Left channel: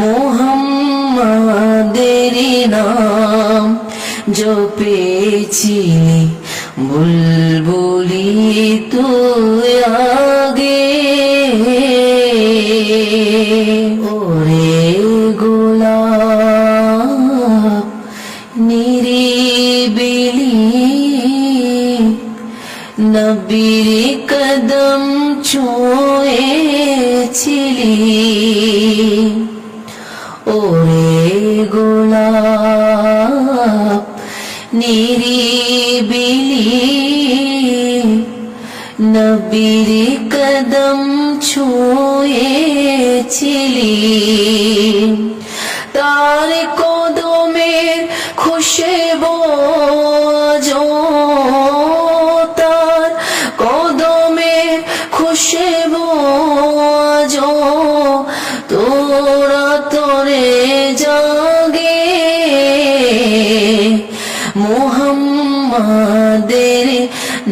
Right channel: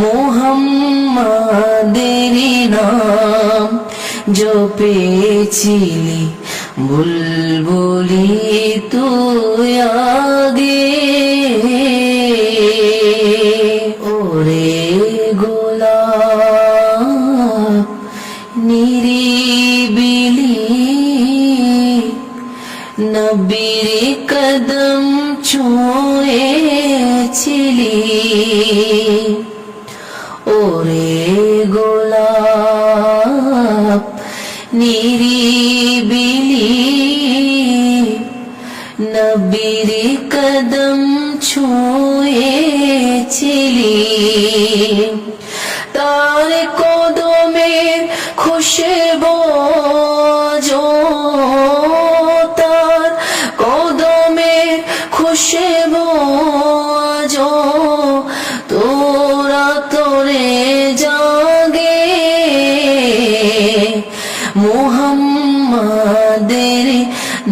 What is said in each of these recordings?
মোহাম্মদের নাম জপেছিলি বুলবুলি তুই আগে। ওরে গোলাপ নিরিবিলি নবীর কদম ছুঁয়েছিলি। নিরিবিলি নবীর কদম ছুঁয়েছিলি তার কদমের খুশবো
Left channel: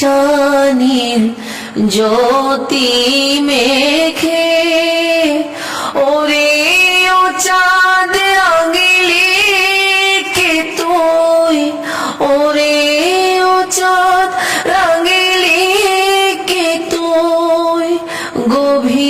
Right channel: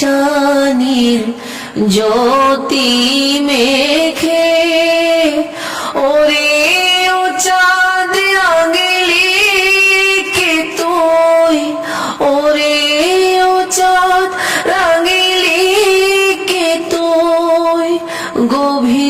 পেশানির জ্যোতি মেখে ওরে ও চাঁদ রাঙিলি কে তুই? ওরে ও চাঁদ রাঙিলি কে তুই? গভীর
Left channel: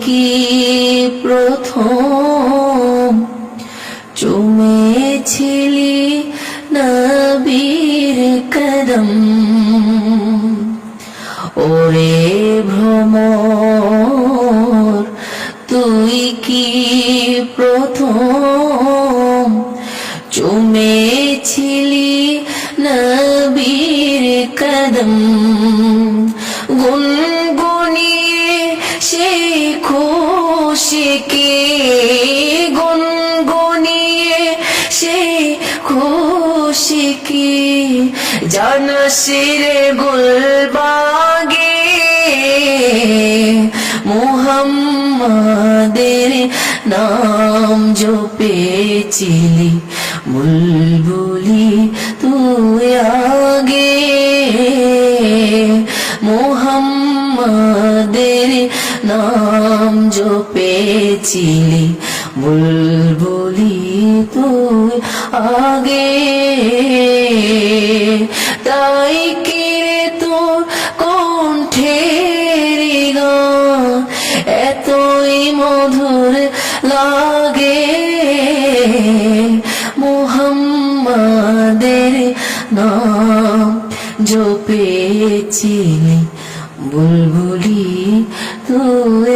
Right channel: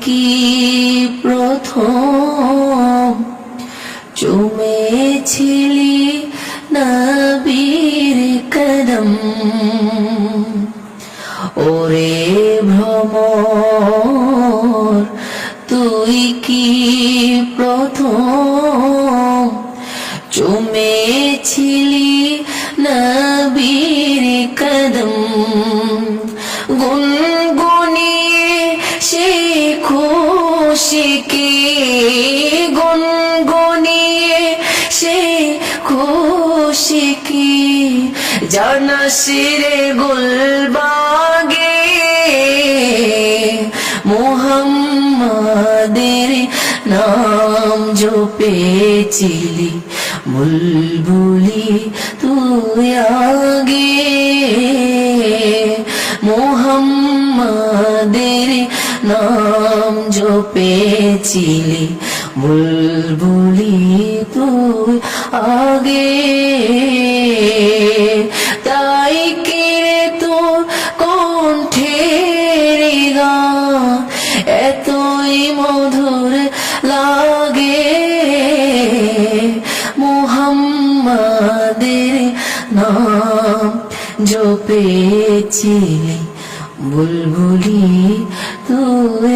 কি প্রথম? খুশিকে গুনগুনিয়ে সে খুশিকে জানসিরে গুলবাগে মোহাম্মদের নাম জপেছিলি। বুলবুলি তুই আগে মোহাম্মদের নাম জপেছিলি, বুলবুলি তুই আগে। তাই কিরে তোর কণ্ঠের গান? এতই মধুর লাগে। মোহাম্মদের নাম জপেছি তুই